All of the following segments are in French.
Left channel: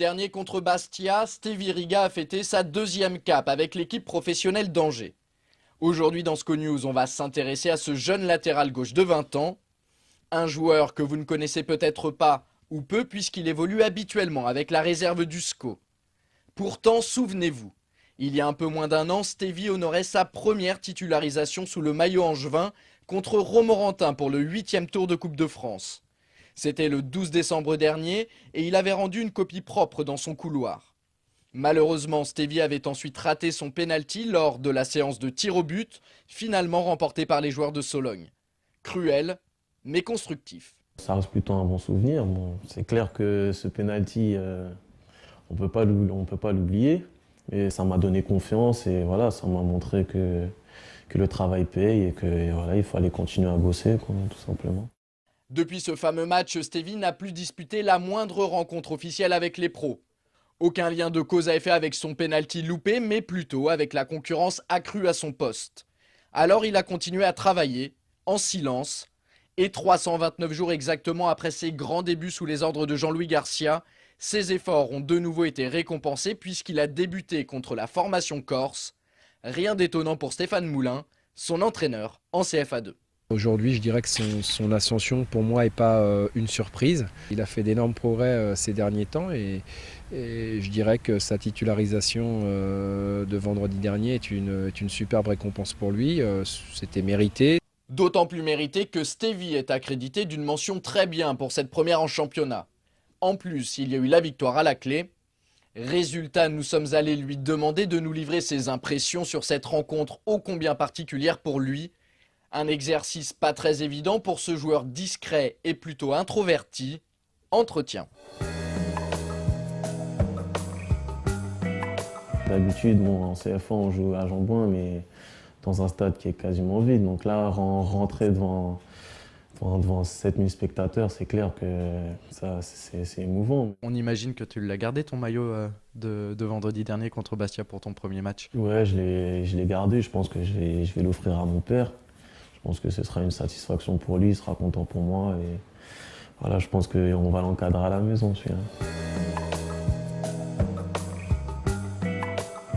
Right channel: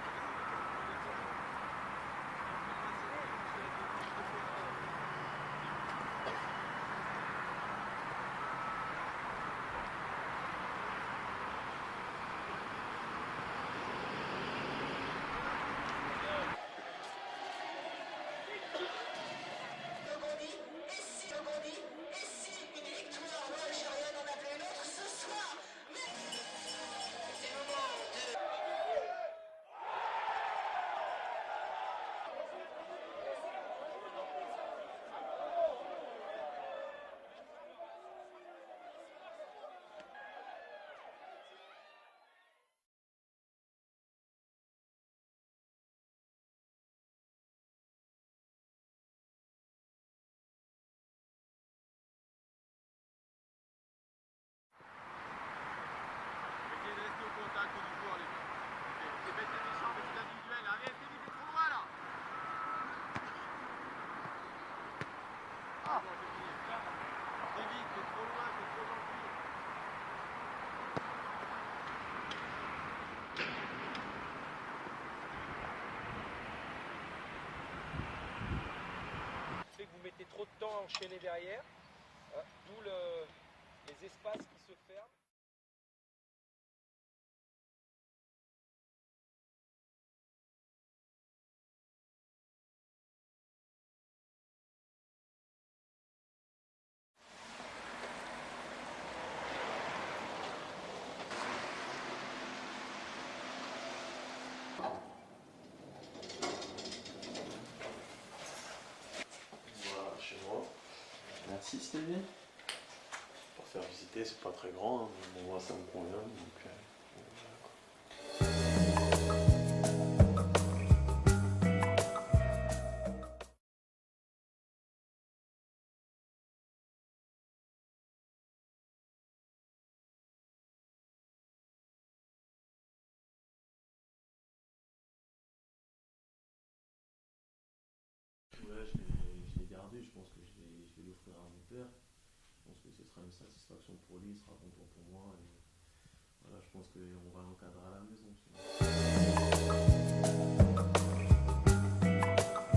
dernier contre Bastia, Stevie Riga a fêté sa deuxième cape avec l'équipe professionnelle d'Angers. Aujourd'hui dans SCO News, on va s'intéresser à ce jeune latéral gauche de 20 ans. Un joueur que vous ne connaissez peut-être pas ou peu puisqu'il évolue habituellement avec la réserve du SCO. Pourtant, souvenez-vous, il y a un peu moins d'un an, Stevie honorait sa première titularisation sous le maillot angevin contre Romorantin pour le 8e tour de Coupe de France. C'était le 12 décembre dernier et il avait rendu une copie propre dans son couloir. Malheureusement, Stevie avait ensuite raté son pénalty lors de la séance de tir au but, finalement remportée par les joueurs de Sologne. Cruel, mais constructif. Ça reste plutôt un bon souvenir. Bon, c'est clair que ce penalty, on peut pas l'oublier. Et ça m'a donné confiance et voilà, ça m'a montré que le travail paye et que voilà, il fallait continuer à bosser, quoi, tout simplement. Depuis ce fameux match, Stevie n'a plus disputé la moindre rencontre officielle avec les pros. Aucun lien de cause à effet avec son pénalty loupé, mais plutôt avec la concurrence accrue à son poste. Alors il a continué à travailler, en silence, et 329 jours exactement après ses grands débuts sous les ordres de Jean-Louis Garcia, ses efforts ont de nouveau été récompensés puisqu'il a débuté contre la formation corse. Rien d'étonnant pour Stéphane Moulin, son entraîneur en CFA2. Aujourd'hui, je dirais que son ascension, pour moi, n'est pas une surprise. Il a fait d'énormes progrès ces derniers temps et je dirais que sa titularisation de vendredi dernier est une superbe récompense pour lui. C'était mérité. D'autant plus mérité que Stevie est accrédité d'une mention très bien pour cette première en championnat. En plus, il y a eu la victoire à la clé. Résultat, nous sommes allés lui demander de nous livrer ses impressions sur cette rencontre ô combien particulière pour lui. Un exercice pas très évident pour ce joueur discret et plutôt introverti. Entretien. D'habitude, bon, en CFA, on joue à Jean-Bouin, mais dans un stade qui est quasiment vide. Donc là, rentrer devant 7000 spectateurs, c'est clair que c'est émouvant. On imagine que tu l'as gardé ton maillot de vendredi dernier contre Bastia pour ton premier match. Ouais, je l'ai gardé. Je pense que je vais l'offrir à mon père. Je pense que ce sera une satisfaction pour lui, il sera content pour moi. Et voilà, je pense qu'on va l'encadrer à la maison, celui-là.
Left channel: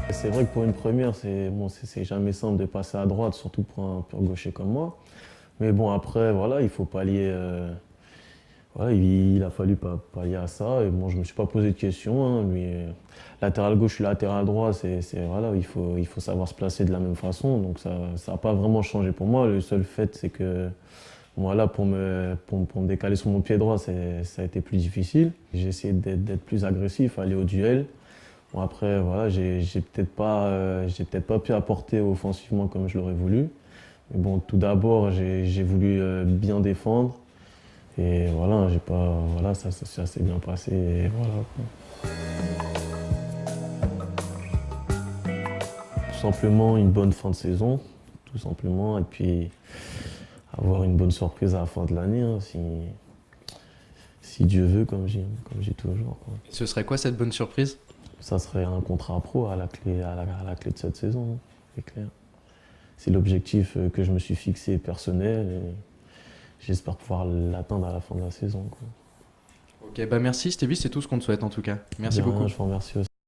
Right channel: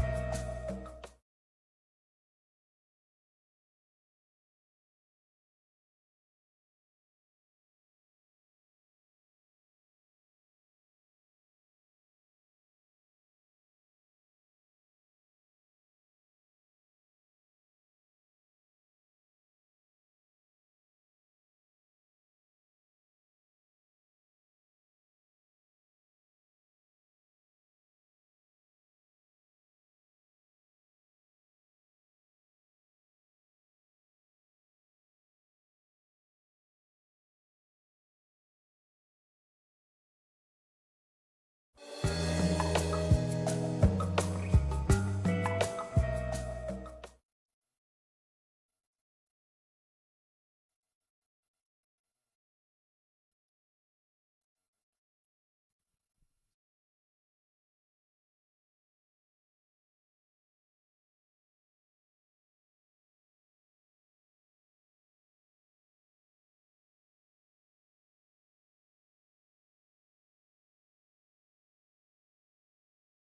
C'est vrai que pour une première, c'est jamais simple de passer à droite, surtout pour un pur gaucher comme moi. Mais bon, après, voilà, il faut pallier. Voilà, il a fallu pallier à ça. Et bon, je ne me suis pas posé de questions. Hein, latéral gauche, je suis latéral droit. Voilà, il faut savoir se placer de la même façon. Donc ça n'a pas vraiment changé pour moi. Le seul fait, c'est que voilà, pour me décaler sur mon pied droit, ça a été plus difficile. J'ai essayé d'être plus agressif, aller au duel. Bon, après, voilà, j'ai peut-être pas pu apporter offensivement comme je l'aurais voulu. Mais bon, tout d'abord, j'ai voulu bien défendre. Et voilà, ça s'est assez bien passé. Et voilà. Tout simplement une bonne fin de saison, tout simplement. Et puis avoir une bonne surprise à la fin de l'année, hein, si Dieu veut, comme j'ai toujours, quoi. Ce serait quoi cette bonne surprise? Ça serait un contrat pro à la clé de cette saison, hein, c'est clair. C'est l'objectif que je me suis fixé personnel et j'espère pouvoir l'atteindre à la fin de la saison, quoi. Ok, bah merci Stevie, c'est tout ce qu'on te souhaite en tout cas. Merci beaucoup. Je vous remercie aussi.